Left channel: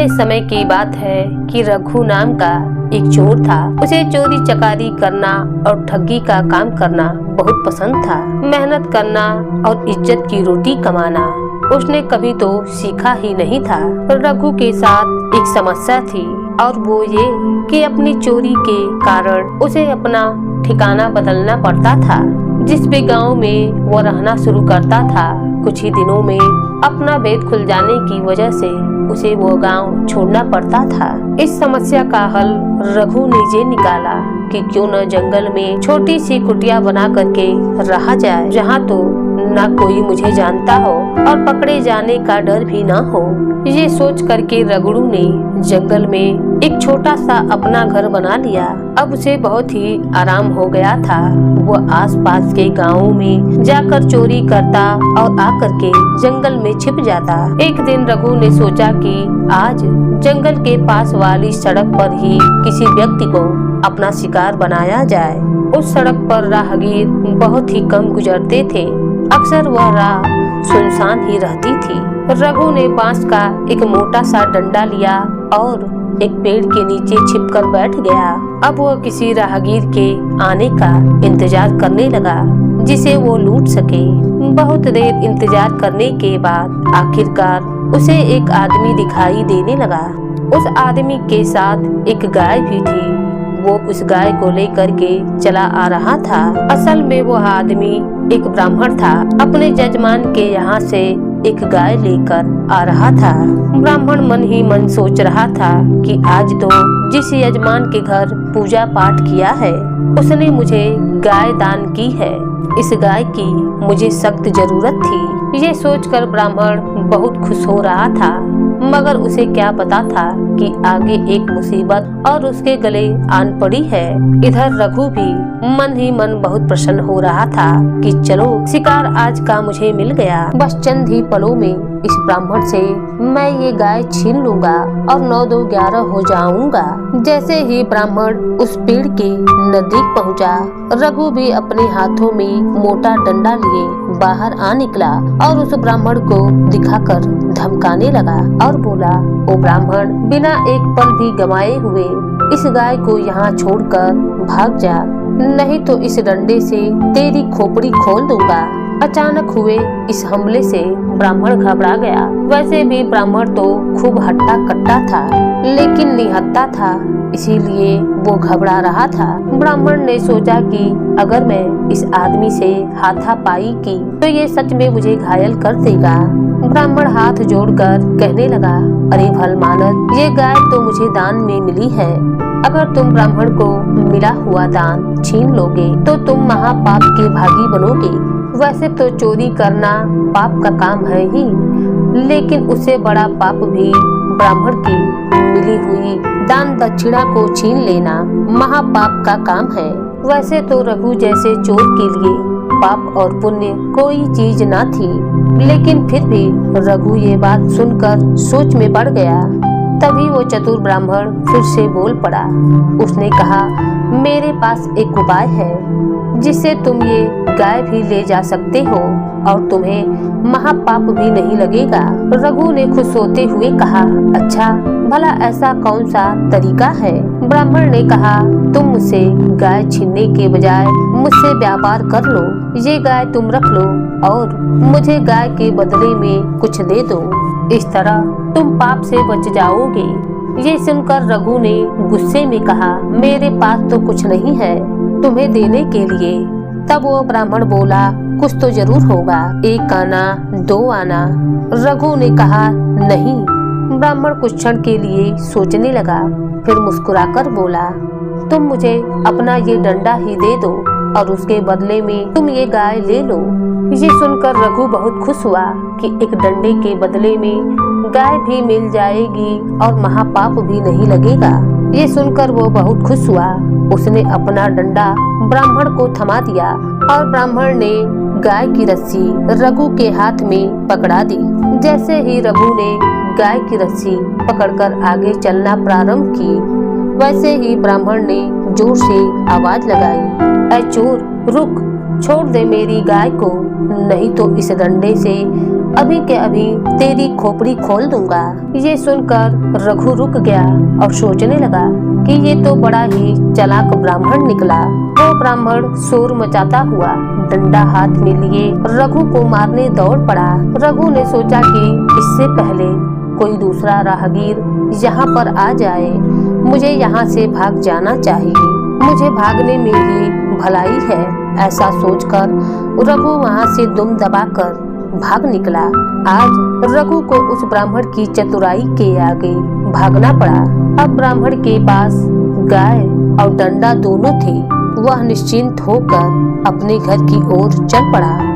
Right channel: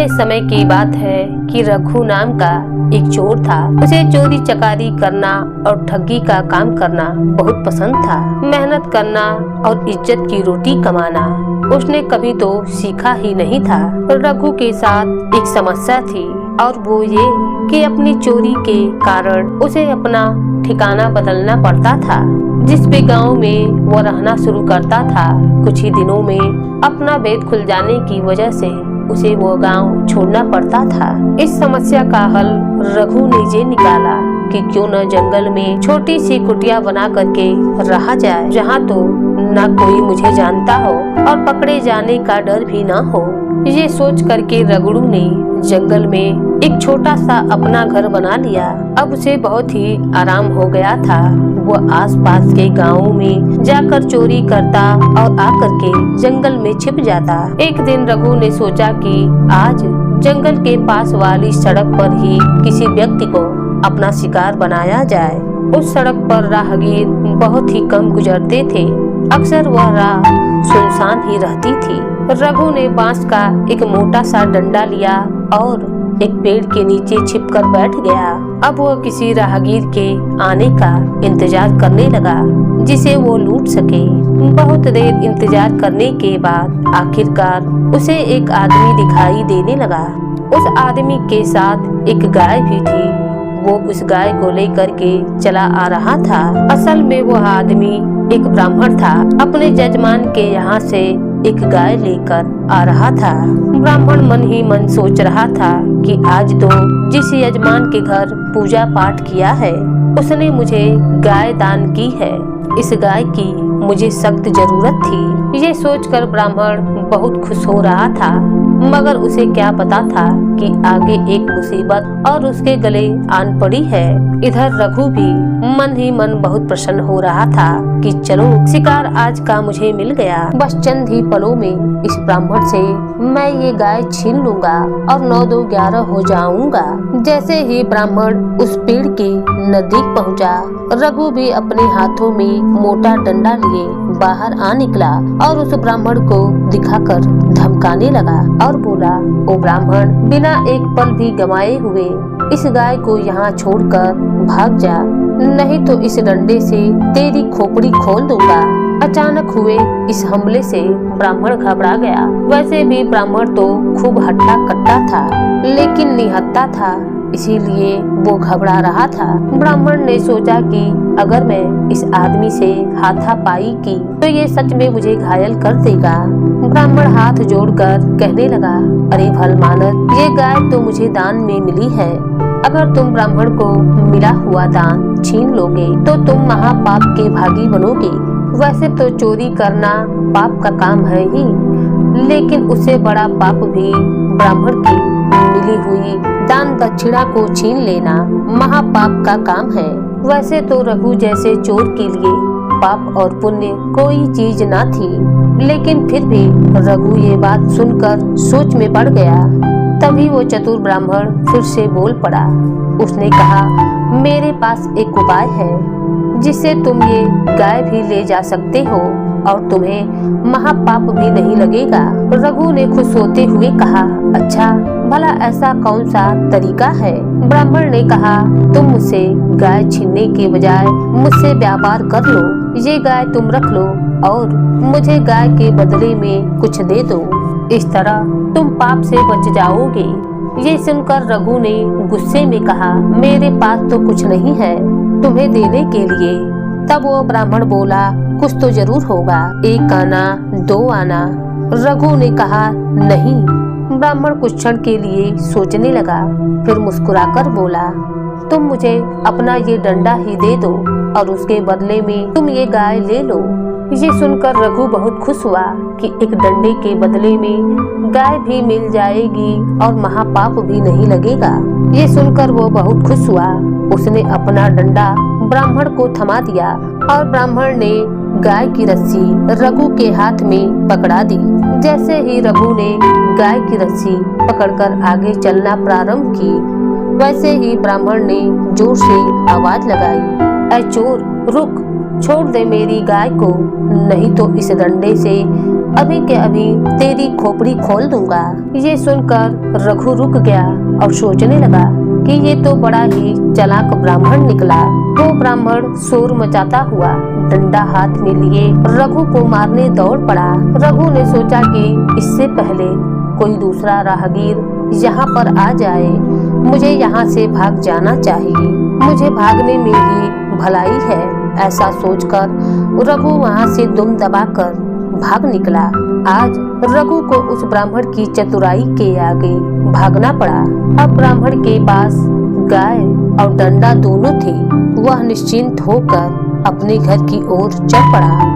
पुराने समय की बात है कि रघु नाम का एक चोर था। उसे चोरी चकारी करना और ठगी का काम करना बहुत पसंद था। मेहनत करना और इज्जत की रोटी कमाना उसने कभी तो सीखा ही नहीं था। रघु के साथ एक समस्या थी और वो ये कि अपनी चोरी के कारण उसे अपना ठिकाना बदलना पड़ता था। जिस भी गांव में वो रहना शुरू करता था, कुछ ही दिनों में अपना भेद खुल जाने की वजह से उसे वो गांव छोड़ना पड़ता था। इस समस्या का हल रघु ने ये निकाला कि क्यों न जंगल में छोटी सी कुटिया बना करके रहा जाए, जहाँ तो न कोई मुझे जानता हो और पकड़े जाने का डर भी न हो। ये सोच करके रघु ने जंगल में एक छोटा सा अपना घर बना लिया। अब उसे बहुत ही आराम हो गया था। वो आसपास के गांवों में जाकर चोरी करता और आकर के जंगल में छिप जाता। एक दिन रघु ने सोचा कि आज जंगल के पास वाली सड़क पर ही किसी व्यक्ति को अपना शिकार बनाया जाए। उस सड़क पर राहगीर बहुत ही कम गुजरते थे। अक्सर वह राह सुनसान ही रहती थी। रघु ने बांस का एक मोटा सा डंडा लिया और एक पेड़ के नीचे छिपकर बैठ गया। अब वह किसी राहगीर के आने का इंतजार करने लगा जिसे वो लूट सके। बहुत देर इंतजार करने के बाद आखिरकार उसे एक आदमी दिखाई देने लगा। उस आदमी के साथ एक गाय भी थी। वो उस गाय को लेकर के चला आ रहा था। असल में वो आदमी एक ब्राह्मण था। अपने जजमान के यहाँ से एक गाय लेकर आ रहा था। ब्राह्मण मन ही मन सोच रहा था कि आज तो जिस यजमान के घर पूजा पाठ किया है उसने मुझे गाय दान की है। इस गाय की मुझे सख्त जरूरत थी। ये सोचकर ब्राह्मण बहुत खुश हो रहा था, मगर उसे क्या पता था कि आगे एक मुसीबत और उसके गले आन पड़ी है। इधर रघु भी मन ही मन बहुत प्रसन्न हो रहा था कि चलो शिकार आज का मुझे मिल गया। बस चंद ही पलों में इस ब्राह्मण से मैं ये गाय छीन लूंगा और 9-2-11 हो जाऊंगा। जैसे ही ब्राह्मण उस पेड़ के नजदीक पहुंचा, रघु भी अपने हाथों में मोटा डंडा लिए बाहर आ निकला और उस ब्राह्मण को दिखाकर धमकाने लगा और बोला, ओ ब्राह्मण, बिना एक पल भी गंवाए हुए इस गाय को यहाँ छोड़कर भाग जा, नहीं तो इस डंडे से तेरी खोपड़ी खोल दूंगा। अचानक हुए इस हमले से ब्राह्मण घबरा गया। वैसे भी ब्राह्मण तो खूब हट्टा कट्टा था, लेकिन निहत्था था, इसीलिए वो घबरा रहा था। ब्राह्मण ने सोचा कि अगर मैं इस आदमी से हाथापाई की तो ये सच में मुझे घायल कर देगा। ब्राह्मण हाथ जोड़कर कहने लगा, अरे भलमानस, ये गाय तो मुझे दान में मिली है। अगर तुम ब्राह्मण को मिला हुआ दान छीन लोगे तो तुम महापाप के भागी बनोगे। वैसे तो चोरी करना पाप का काम है ही, लेकिन उससे बड़ा पाप भी ब्राह्मण की मिली हुई दान दक्षिणा को छीन लेना महापाप का काम है। वैसे तो रघु जैसे चोर के लिए पाप और पुण्य कोई चीज न थी, लेकिन फिर भी रघु ये बात सुनकर सोच में पड़ गया। तभी वो चतुर ब्राह्मण फिर से बोल पड़ा। उसने कहा, मेरे पास एक उपाय है जिससे तुम ये गाय भी ले जा सकते हो और तुम्हें महापाप भी नहीं लगेगा। रघु ने खुश होते हुए कहा, अच्छा भला ऐसा कौन सा तरीका है? ब्राह्मण ने कहा, तुम मुझसे गाय छीनने के बजाय मुझसे व्यापार कर लो। ये गाय तुम रख लो और मुझे गाय के बदले में कुछ दे दो। इस तरह तुम पाप से बच जाओगे। ये सुनकर रघु ने गुस्से में कहा, मेरे पास तो कुछ नहीं है तुम्हें देने के लिए। तब वो ब्राह्मण बोला, कुछ तो जरूर होगा, 1 आना 2 आना। रघु ने कहा, नहीं। ब्राह्मण कुछ क्षण के लिए सोचने लगा, फिर मुस्कुराकर बोला, तुम मुझे अपना ये डंडा ही दे दो और उसके बदले में तुम ये गाय ले लो। ये सुनकर रघु बहुत खुश हुआ कि एक डंडे के बदले में गाय भी मिल जाएगी और महापाप भी नहीं लगेगा। ये सुनकर वो बहुत खुश हुआ। उसने अपना डंडा ब्राह्मण को थमा दिया और ब्राह्मण ने गाय की रस्सी रघु के हाथ में पकड़ा दी। जैसे ही रघु ने गाय की रस्सी पकड़कर आगे चलना प्रारंभ की, वैसे ही ब्राह्मण ने जोर से आवाज लगाई, ऐ चोर, रुक, छोड़ दे मेरी गाय को, नहीं तो इस डंडे से अभी के अभी तेरी खोपड़ी खोल दूंगा। ये सुनकर रघु रुक गया और सोचने लगा कि ये तो बड़ा ही चालाक ब्राह्मण निकला। वो ब्राह्मण शोर मचाता हुआ डंडा हाथ में लिए रघु को मारने दौड़ पड़ा। रघु ने सोचा कि इससे पहले कोई दूसरा राहगीर यहाँ पर आ जाए, मुझे यहाँ से भाग जाना चाहिए, मुझे भागने में ही भलाई है। ऐसा सोचकर रघु वहाँ से दुम दबाकर भाग निकला। आज रघु को उस ब्राह्मण की चतुराई के आगे भागना पड़ा। अब ब्राह्मण के पास गाय और डंडा दोनों थे। वह निश्चिंत होकर अपने घर की ओर चल पड़ा।